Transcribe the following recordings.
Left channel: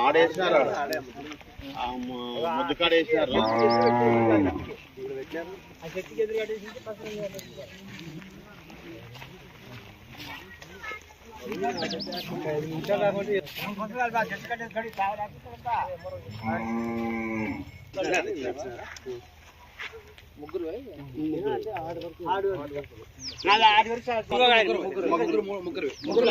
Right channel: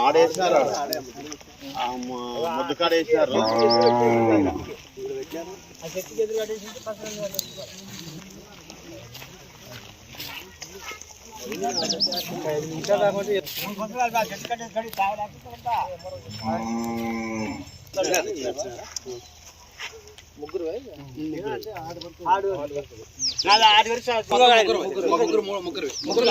ఆడేసారు ముద్దకాడేసారు చెట్టు ఆరు వరకు ముగ్గురు ముగ్గురు ముగ్గురు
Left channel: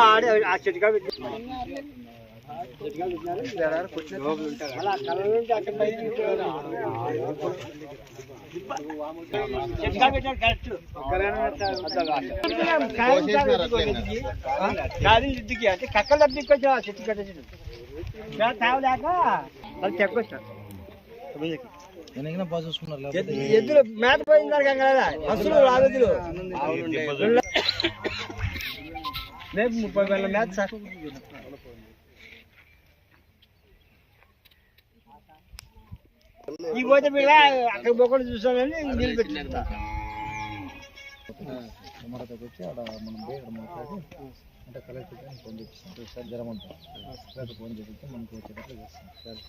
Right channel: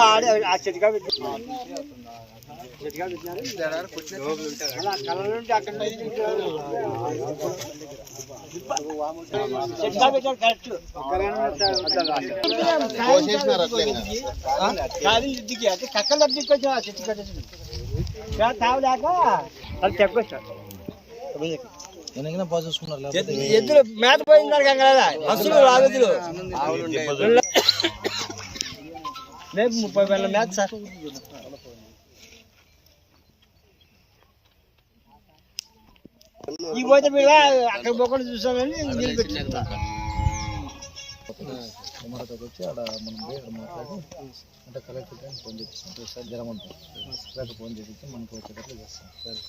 ఆడేసినారు ముద్దు కాడ వేసినారు కోసేసినారు అట్లే ఇంటికి అంటే కక్కలు తప్పించుకొచ్చా చెట్టు కట్టేసి తాగలేక అది చెక్కొచ్చా ఎద్దులు మేత పోయింది కదా అసలు రాగదులు రేపు ముప్పై వేల మేత సార్ ఈ పోతే మీద అక్కడ పోకుండా చూసానని నిలబెట్టింది కుమారతోకి వచ్చి ఆడ మనం పోయి అక్కడ మాట్లాడి అంటే కలెక్టర్ గారిని ఫోన్ చేపిస్తాం. సార్ జ్వరం ఉంటుంది కలెక్టర్ ఫోన్ చేపించి మనకు వచ్చేటట్లు చేస్తాం. సరే?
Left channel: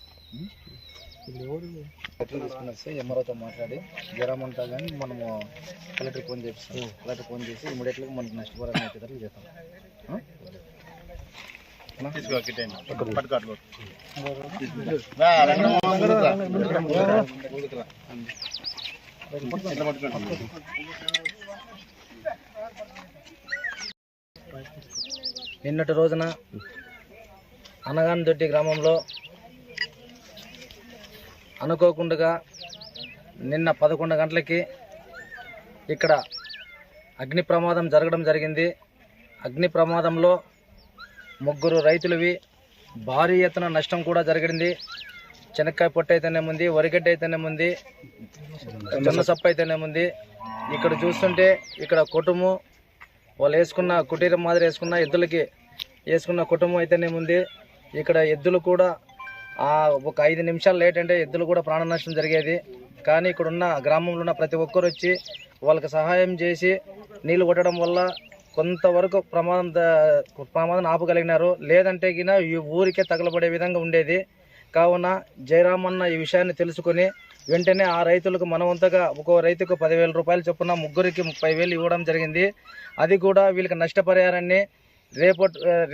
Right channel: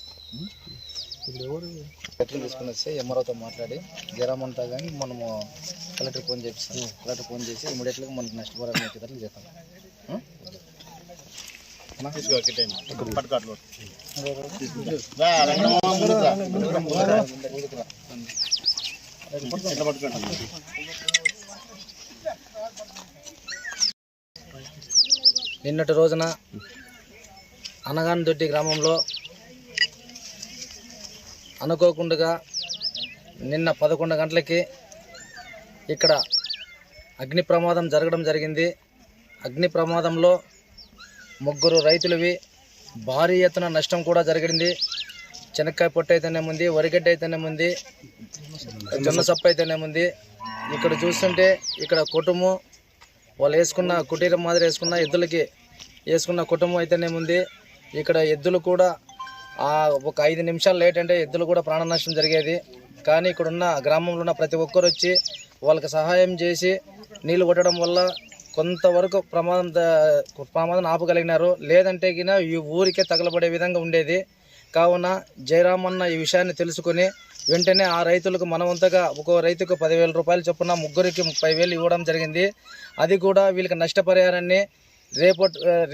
ఇప్పుడు ఎవరు? కలెక్టర్ తీసుకుని వస్తే ఎంఆర్ఓతో మాట్లాడి జ్వరం ఉంటా కానీ మనము కలెక్టర్ ఫోన్ చేపిస్తాం. కలెక్టర్ ఫోన్ చేసి ఇమీడియట్గా మనకు నష్టపరాన్ని వచ్చేటట్లు చేస్తాం. పట్టుకోట్లు నిన్నటి రోజున అనగానదొడ్డి గ్రామంలో అనుకోకుండా నిన్న పదకొండు గంటలకి ఇక్కడ అగ్ని ప్రమాదం జరగడం జరిగింది. అగ్ని ప్రమాదంలో ముగ్గురు రైతులవి భారీ ఎత్తున నష్టం కూడా జరిగింది. శనక్కాయ పొట్టు అయితేనేముంది వరిగడ్డ అయితేనేముంది జొన్న అయితేనే ఉంది ఇక్కడ చూస్తుంటే ఇక్కడ కుటుంబం వాళ్ళు వేసుకున్న కుటీరం మాదిరి వేసుకున్న ఎద్దులకి వేసుకున్న కుటుంబం అయితేనే ఉంది ఇక్కడ ఎద్దులు కూడా ఒక ఐదు నిమిషాలు లేట్ అంటే ఎద్దులు కూడా ప్రాణ నష్టం జరిగేది. కానీ ఇక్కడ ఉన్న గ్రామంలో ఉన్న ప్రతి ఒక్కరు వచ్చి వాళ్ళకి సహాయం చేసి నీళ్ళు కొట్టడం వల్ల కొంతవరకు ప్రమాదం ద- ప్రమాదం ఆపగలిగినారు. లేదంటే గిన ఈ ఊరికే తగలబడే విధంగా ఉండేది. కావున జయరామన్న ఈ విషయాన్ని తెలుసుకొని వెంటనే ఆ రైతులకు మనవంతగా ఒక్కో రైతుకు పదివేల రూపాయలు చొప్పున ముగ్గురికి ముప్పై వేలు ఇవ్వడం జరిగింది. అది కూడా వీళ్ళకి నష్టపరిహారాన్ని రేపు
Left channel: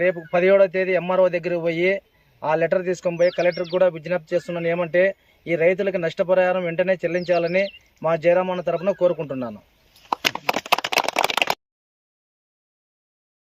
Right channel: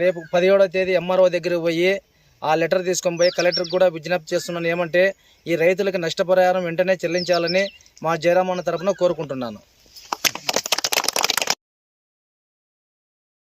రేపు పదిహేడవ తేదీ ఎంఆర్ఓ దగ్గరికి పోయి ఆ లెటర్ తీసుకొని పోయి కలెక్టర్కి కూడా విజ్ఞప్తి చేస్తున్నాను. ఏమంటే ఈ రైతులకు నష్టపరిహారం వెంటనే చెల్లించాలని మా జయరామన్న తరఫున కోరుకుంటున్నాను.